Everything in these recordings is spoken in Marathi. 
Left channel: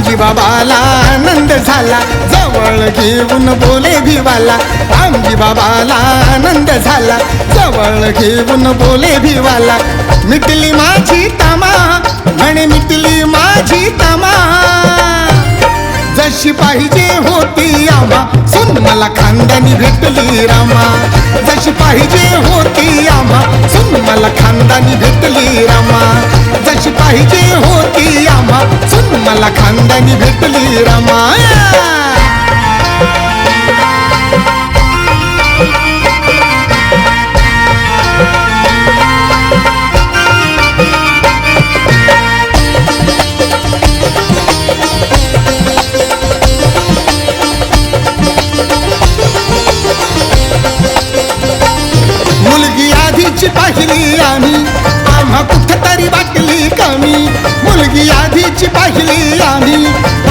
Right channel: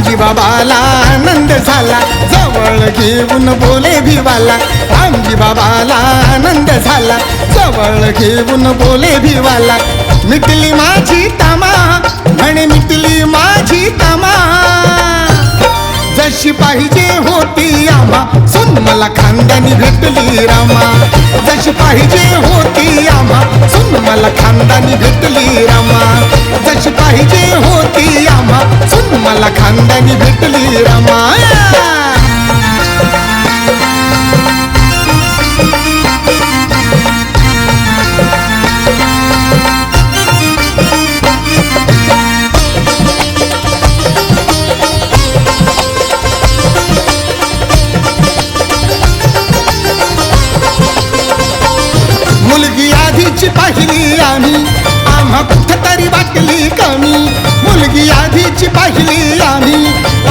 रामजी बाबाला आनंद झाला, जवळ घेऊन बोले भिवाला. रामजी बाबाला आनंद झाला, जवळ घेऊन बोले भिवाला. मिटली माझी तमा, म्हणे मिटली माझी तमा. जशी पाहिजे होती आम्हा, सुन मला खानदानी भेटली रामा. जशी पाहिजे होती आम्हा, सुन मला खानदानी भेटली रामा. जशी पाहिजे होती आम्हा, सुन मला खानदानी भेटली रामा. मुलगी आधीची पाहिली आम्ही, आम्हा कुठतरी वाटली कमी. मुलगी आधीची पाहिली आम्ही,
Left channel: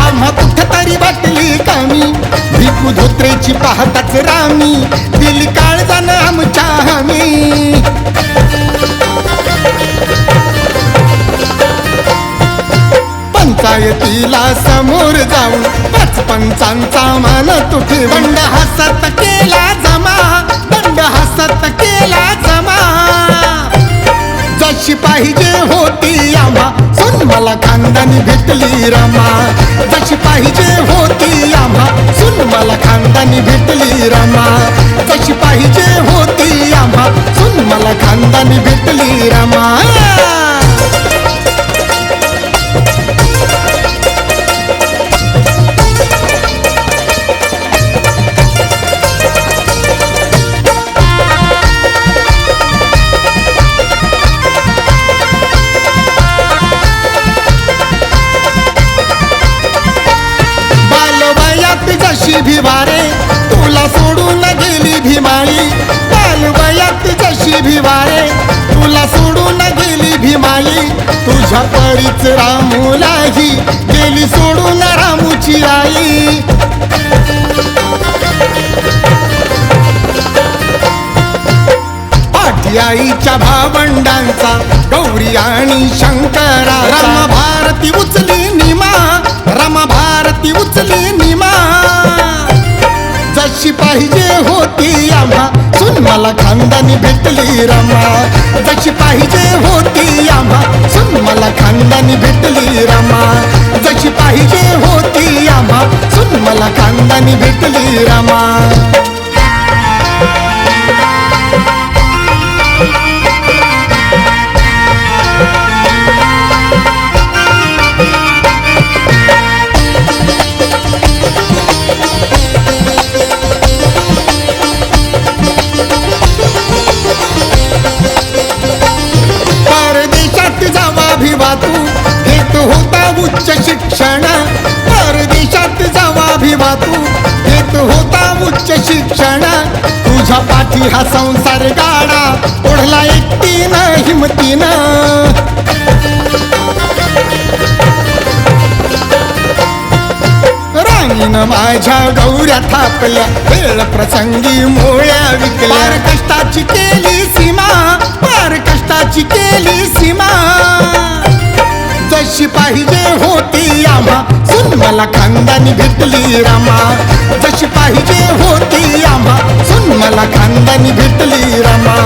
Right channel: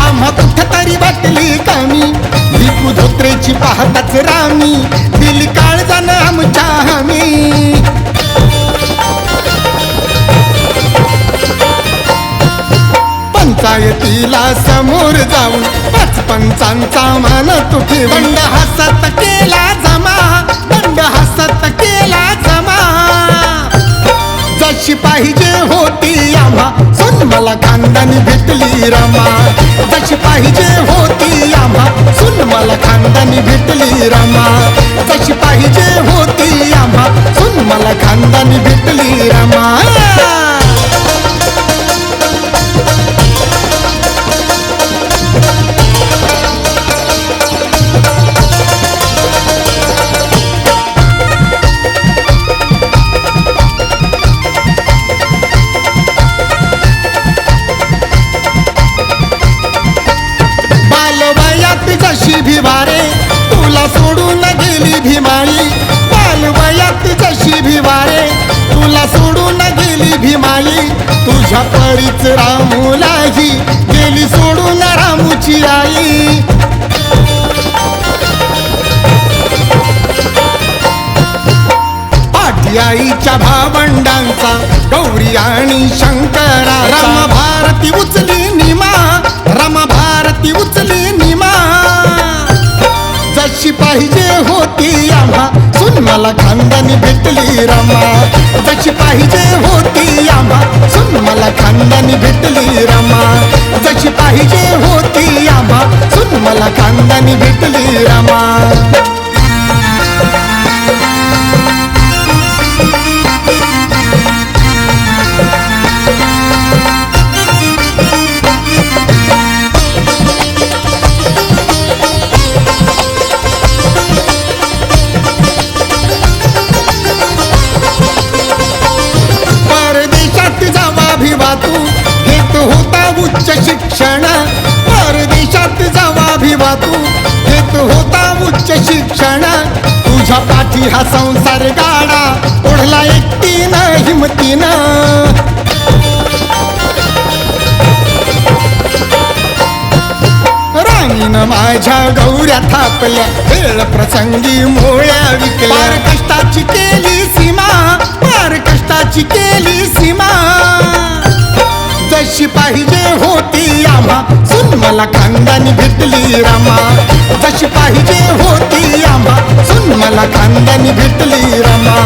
आम्हा कुठतरी वाटली कमी. भिकू धोत्रेची पाहताच रामी, दिली काळजानं आमच्या हमी. पंचायतीला समोर जाऊन पाच पंचांचा मान तुठी. दंड हसत केला जमा, दंड हसत केला जमा. जशी पाहिजे होती आम्हा, सुन मला खानदानी भेटली रमा. जशी पाहिजे होती आम्हा, सुन मला खानदानी भेटली रमा. जशी पाहिजे होती आम्हा, सुन मला खानदानी भेटली रमा. बालवयात जशी भिवारे, तुला सोडून गेली भीमाई. बालवयात जशी भिवारे, तुला सोडून गेली भीमाई. तुझ्या परीच रामूलाही गेली सोडून रामूची आई. पाठी आईच्या भावंडांचा, गौरी आणि शंकरा. रमा भारती उचली निमा, रमा भारती उचली निमा. जशी पाहिजे होती आम्हा, सुन मला खानदानी भेटली रमा. जशी पाहिजे होती आम्हा, सुन मला खानदानी भेटली रमा. जशी पाहिजे होती आम्हा, सुन मला खानदानी भेटली रमा. परदेशात जावा भिवा तू, घेत होता उच्च शिक्षण. परदेशात जावा भिवा तू, घेत होता उच्च शिक्षण. तुझ्या पाठी हा संसार गाडा, ओढला एकटीनं हिमतीनं. राणीनं माझ्या गौऱ्या थापल्या, वेळ प्रसंगी मोळ्या विकल्या. पार कष्टाची केली सीमा, पार कष्टाची केली सीमा. जशी पाहिजे होती आम्हा, सुन मला खानदानी भेटली रमा. जशी पाहिजे होती आम्हा, सुन मला खानदानी भेटली रमा.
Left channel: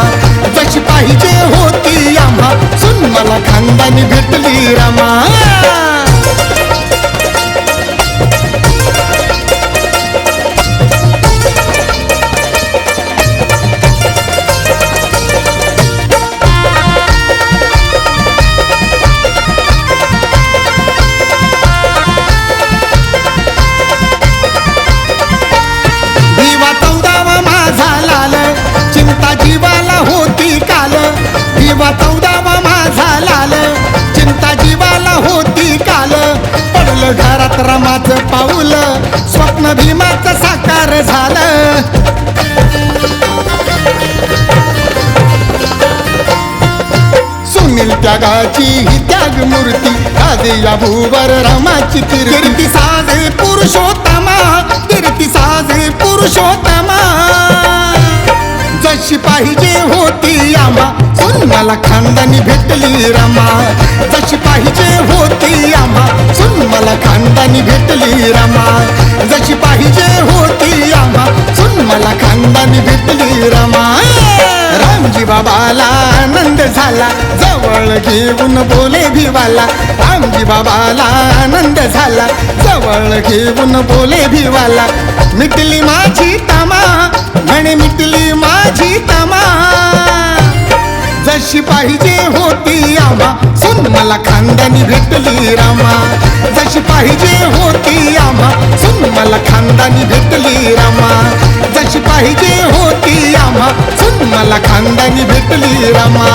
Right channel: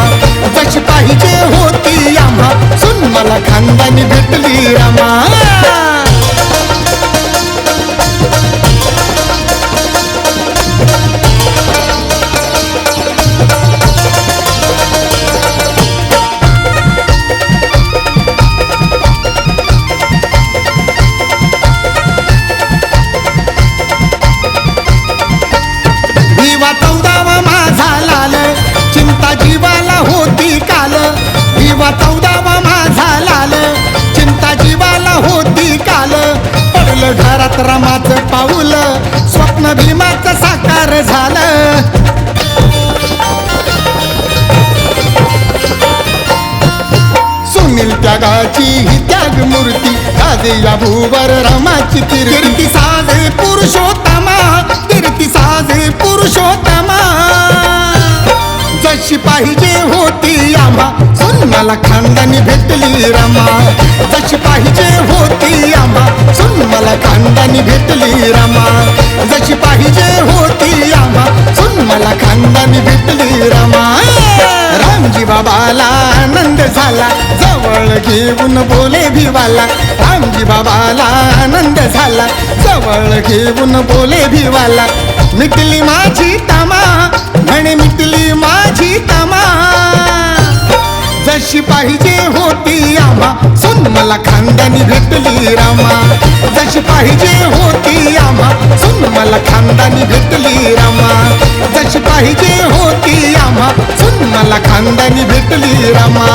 जशी पाहिजे होती आम्हा, सुन मला खानदानी भेटली रमा. भिवा 14वा माझा लाल, चिंता जीवाला होती काल. भिवा 14वा माझा लाल, चिंता जीवाला होती काल. पडलं घरात रमाचं पाऊल, स्वप्न भीमाचं साकार झालं. सुनील त्यागाची ही त्याग मूर्ती, गाजे या भूवर रमाची कीर्ती. साजे पुरुषोत्तमा, कीर्ती साजे पुरुषोत्तमा. जशी पाहिजे होती आम्हा, सुन मला खानदानी भेटली रमा, जशी पाहिजे होती आम्हा सुन मला खानदानी भेटली रमा, जशी पाहिजे होती आम्हा सुन मला खानदानी भेटली रमा. रामजी बाबाला आनंद झाला, जवळ घेऊन बोले भिवाला. रामजी बाबाला आनंद झाला, जवळ घेऊन बोले भिवाला. मिटली माझी तमा, म्हणे मिटली माझी तमा, जशी पाहिजे होती आम्हा सुन मला खानदानी भेटली रमा, जशी पाहिजे होती आम्हा सुन मला खानदानी भेटली रमा, जशी पाहिजे होती आम्हा सुन मला खानदानी भेटली रमा.